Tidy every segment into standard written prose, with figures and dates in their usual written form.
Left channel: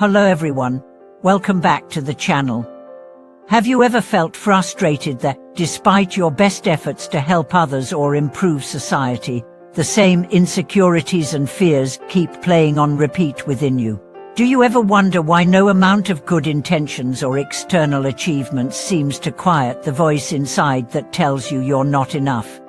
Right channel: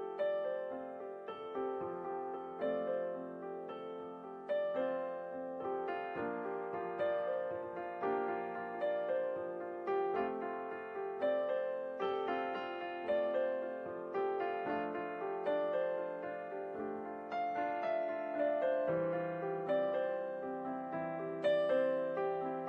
Hello everyone, welcome back to the channel. Have you ever felt frustrated that, despite your best efforts to help others or improve society, the same insecurities and fears keep playing on repeat within you? Do you ever wonder why no amount of good intentions or external achievements seems to quiet the voice inside that tells you you're not enough?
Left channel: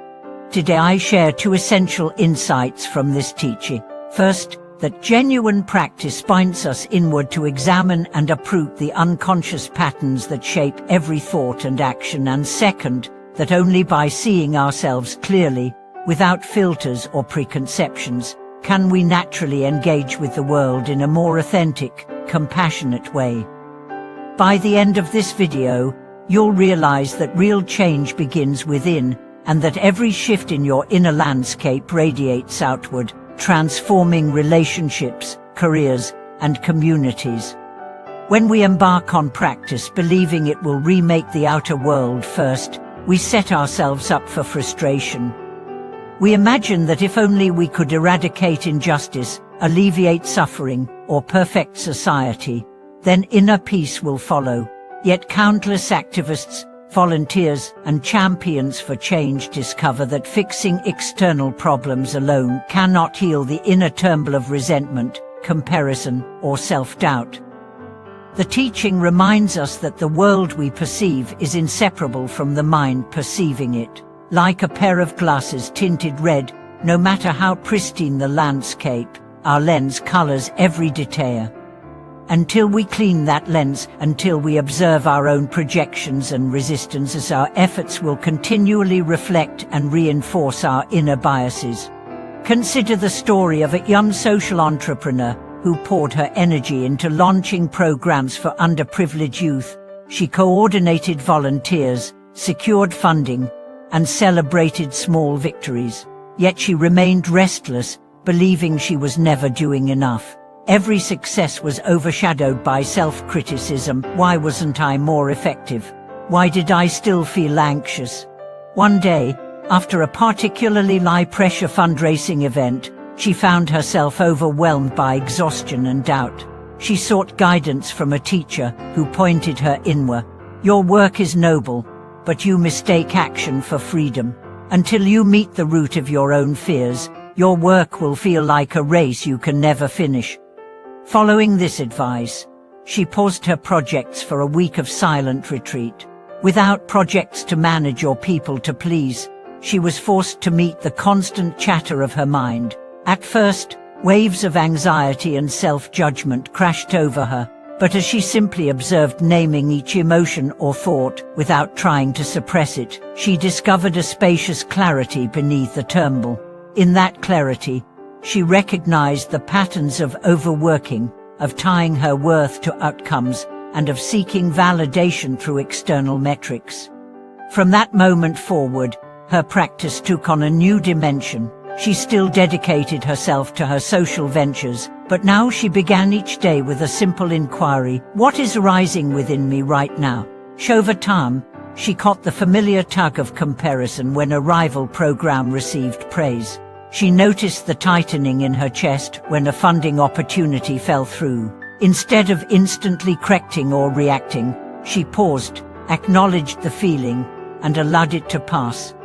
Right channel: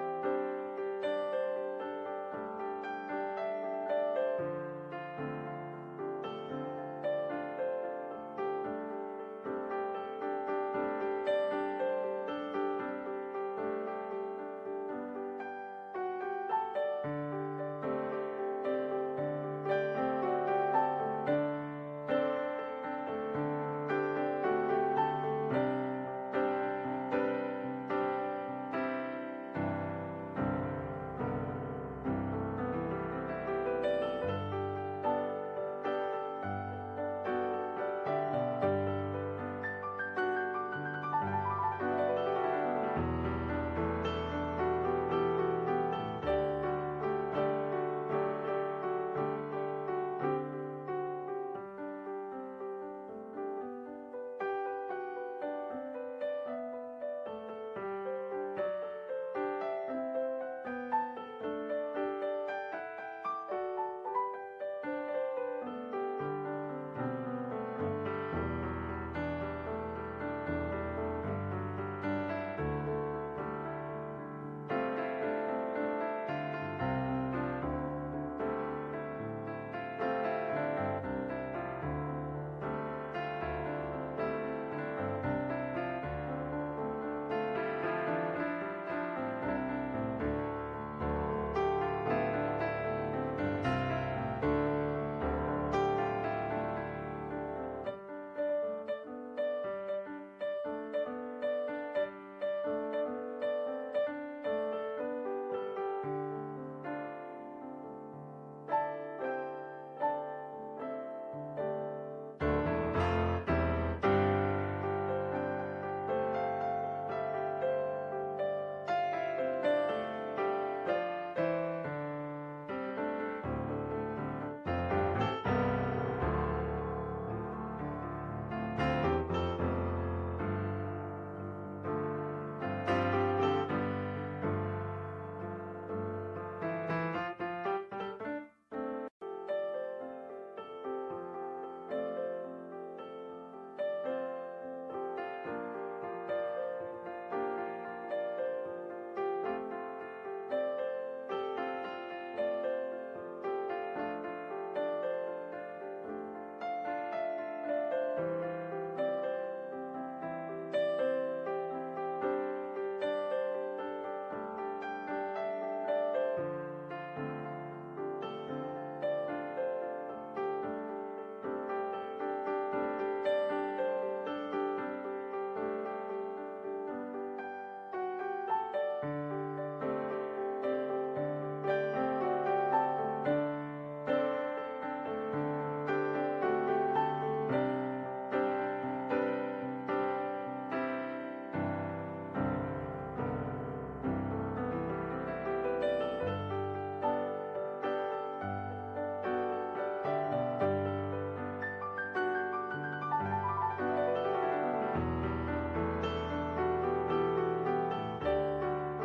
Today I share two essential insights from this teaching. First, that genuine practice points us inward to examine and uproot the unconscious patterns that shape every thought and action, and second, that only by seeing ourselves clearly, without filters or preconceptions, can we naturally engage with the world in a more authentic, compassionate way. By the end of this video, you'll realize that real change begins within, and that every shift in your inner landscape radiates outward, transforming relationships, careers, and communities. When we embark on practice believing it will remake the outer world first, we set ourselves up for frustration. We imagine that if only we could eradicate injustice, alleviate suffering, or perfect society, then inner peace will follow. Yet countless activists, volunteers, and champions for change discover that fixing external problems alone cannot heal the inner turmoil of resentment, comparison, or self-doubt. The teaching reminds us that the world we perceive is inseparable from the mind perceiving it. Like a pair of glasses tinted red, no matter how pristine the landscape, our lens colors every detail. Until we clean that lens, until we observe our own projections and resistances, our efforts will continually reflect and reinforce our inner biases. Consider the story of a young social entrepreneur who poured her energy into launching programs for underprivileged youth. She coordinated volunteers, secured funding, and celebrated small victories. Yet she remained restless, believing she was never doing enough. Every success was overshadowed by self-criticism. Why wasn't I more effective? Why did I still feel anxious? One day, after a particularly high-pressure fundraising event, she found herself overwhelmed by exhaustion and doubt. She sought guidance from a teacher who pointed her inward. Your work is noble, but you mistake action for freedom. Until you meet the root of your own fears, your work will feel like a race you can never finish. Following this advice, she paused her projects for a week of silent retreat. Without projects to manage or people to please, she was forced to meet the constant chatter of her mind. At first, waves of anxiety and self-judgment crashed over her, but as she simply observed, naming each emotion or thought without trying to suppress it, she discovered a spacious clarity beneath the turmoil. In that clarity, she recognized the patterns of overworking, of tying her worth to outcomes, and of seeking validation through external metrics. From that moment forward, her practice took on a new dimension. She still dedicated herself to her social ventures, but now she began each day with a simple inquiry: what is rising within me right now? Over time, she caught the familiar tug of comparison when a rival program received praise. She noticed the tightening in her chest when a funding opportunity fell through. Instead of instantly correcting or reacting, she paused, acknowledged the feeling, and allowed it to pass.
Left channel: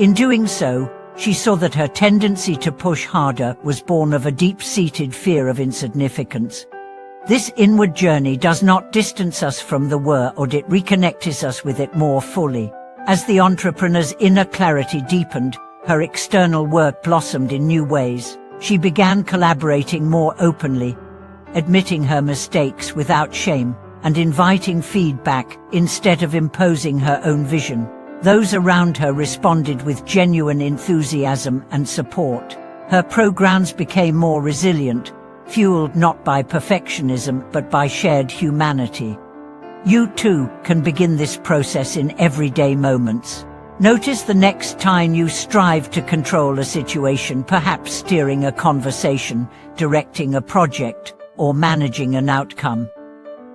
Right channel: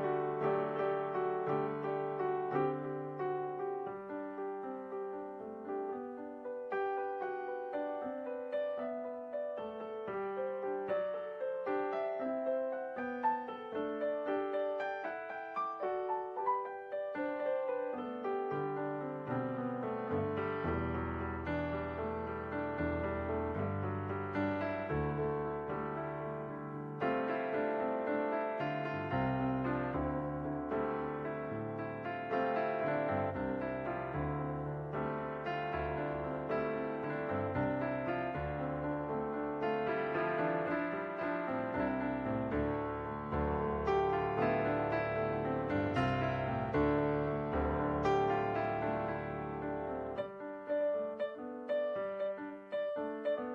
In doing so, she saw that her tendency to push harder was born of a deep-seated fear of insignificance. This inward journey does not distance us from the world, or it reconnects us with it more fully. As the entrepreneur's inner clarity deepened, her external work blossomed in new ways. She began collaborating more openly, admitting her mistakes without shame, and inviting feedback instead of imposing her own vision. Those around her responded with genuine enthusiasm and support. Her programs became more resilient, fueled not by perfectionism but by shared humanity. You too can begin this process in everyday moments. Notice the next time you strive to control a situation, perhaps steering a conversation, directing a project, or managing an outcome.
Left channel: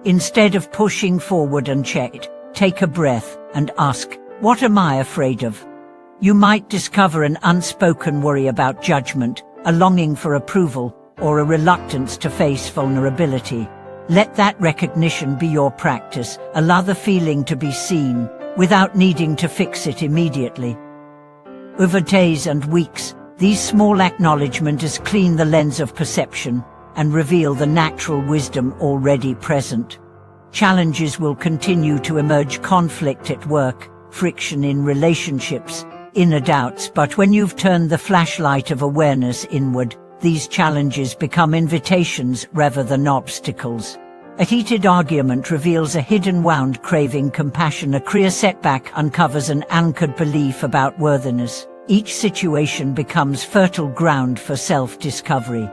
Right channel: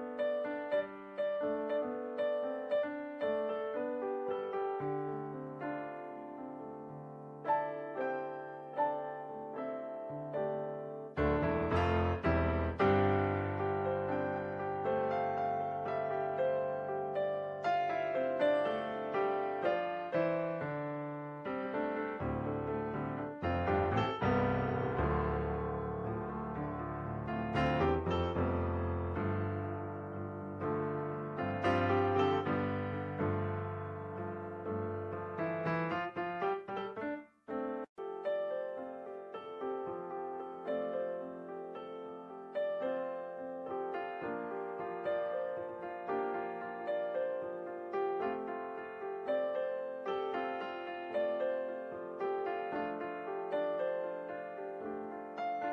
Instead of pushing forward unchecked, take a breath and ask, what am I afraid of? You might discover an unspoken worry about judgment, a longing for approval, or a reluctance to face vulnerability. Let that recognition be your practice. Allow the feeling to be seen, without needing to fix it immediately. Over days and weeks, these small acknowledgements clean the lens of perception and reveal the natural wisdom already present. Challenges will continue to emerge: conflict at work, friction in relationships, inner doubts. But when you've turned the flashlight of awareness inward, these challenges become invitations rather than obstacles. A heated argument reveals a hidden wound craving compassion. A career setback uncovers an anchored belief about worthiness. Each situation becomes fertile ground for self-discovery.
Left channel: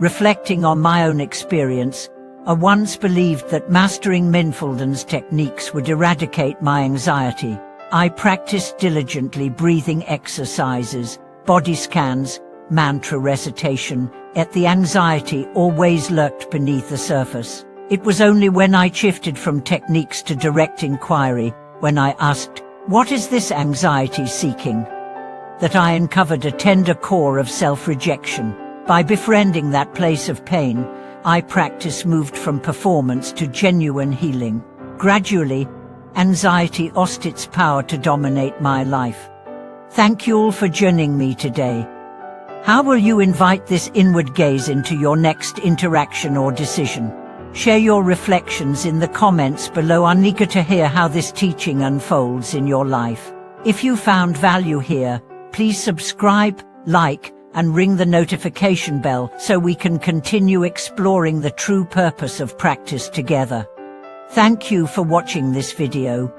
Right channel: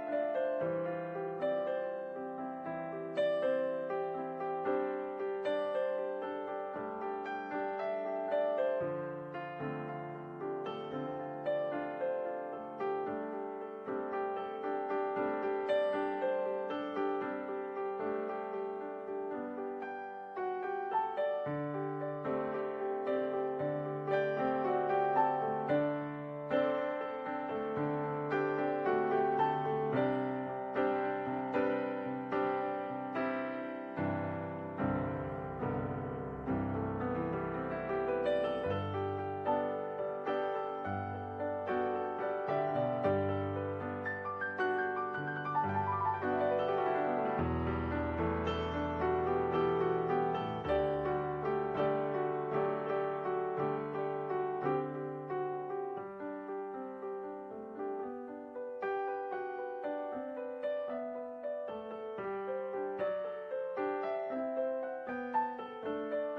Reflecting on my own experience, I once believed that mastering mindfulness techniques would eradicate my anxiety. I practiced diligently breathing exercises, body scans, mantra recitation, yet the anxiety always lurked beneath the surface. It was only when I shifted from techniques to direct inquiry, when I asked, "What is this anxiety seeking?" that I uncovered a tender core of self-rejection. By befriending that place of pain, I practice moved from performance to genuine healing. Gradually, anxiety lost its power to dominate my life. Thank you all for joining me today. How will you invite this inward gaze into your next interaction or decision? Share your reflections in the comments below. I'm eager to hear how this teaching unfolds in your life. If you found value here, please subscribe, like, and ring the notification bell so we can continue exploring the true purpose of practice together. Thank you for watching this video.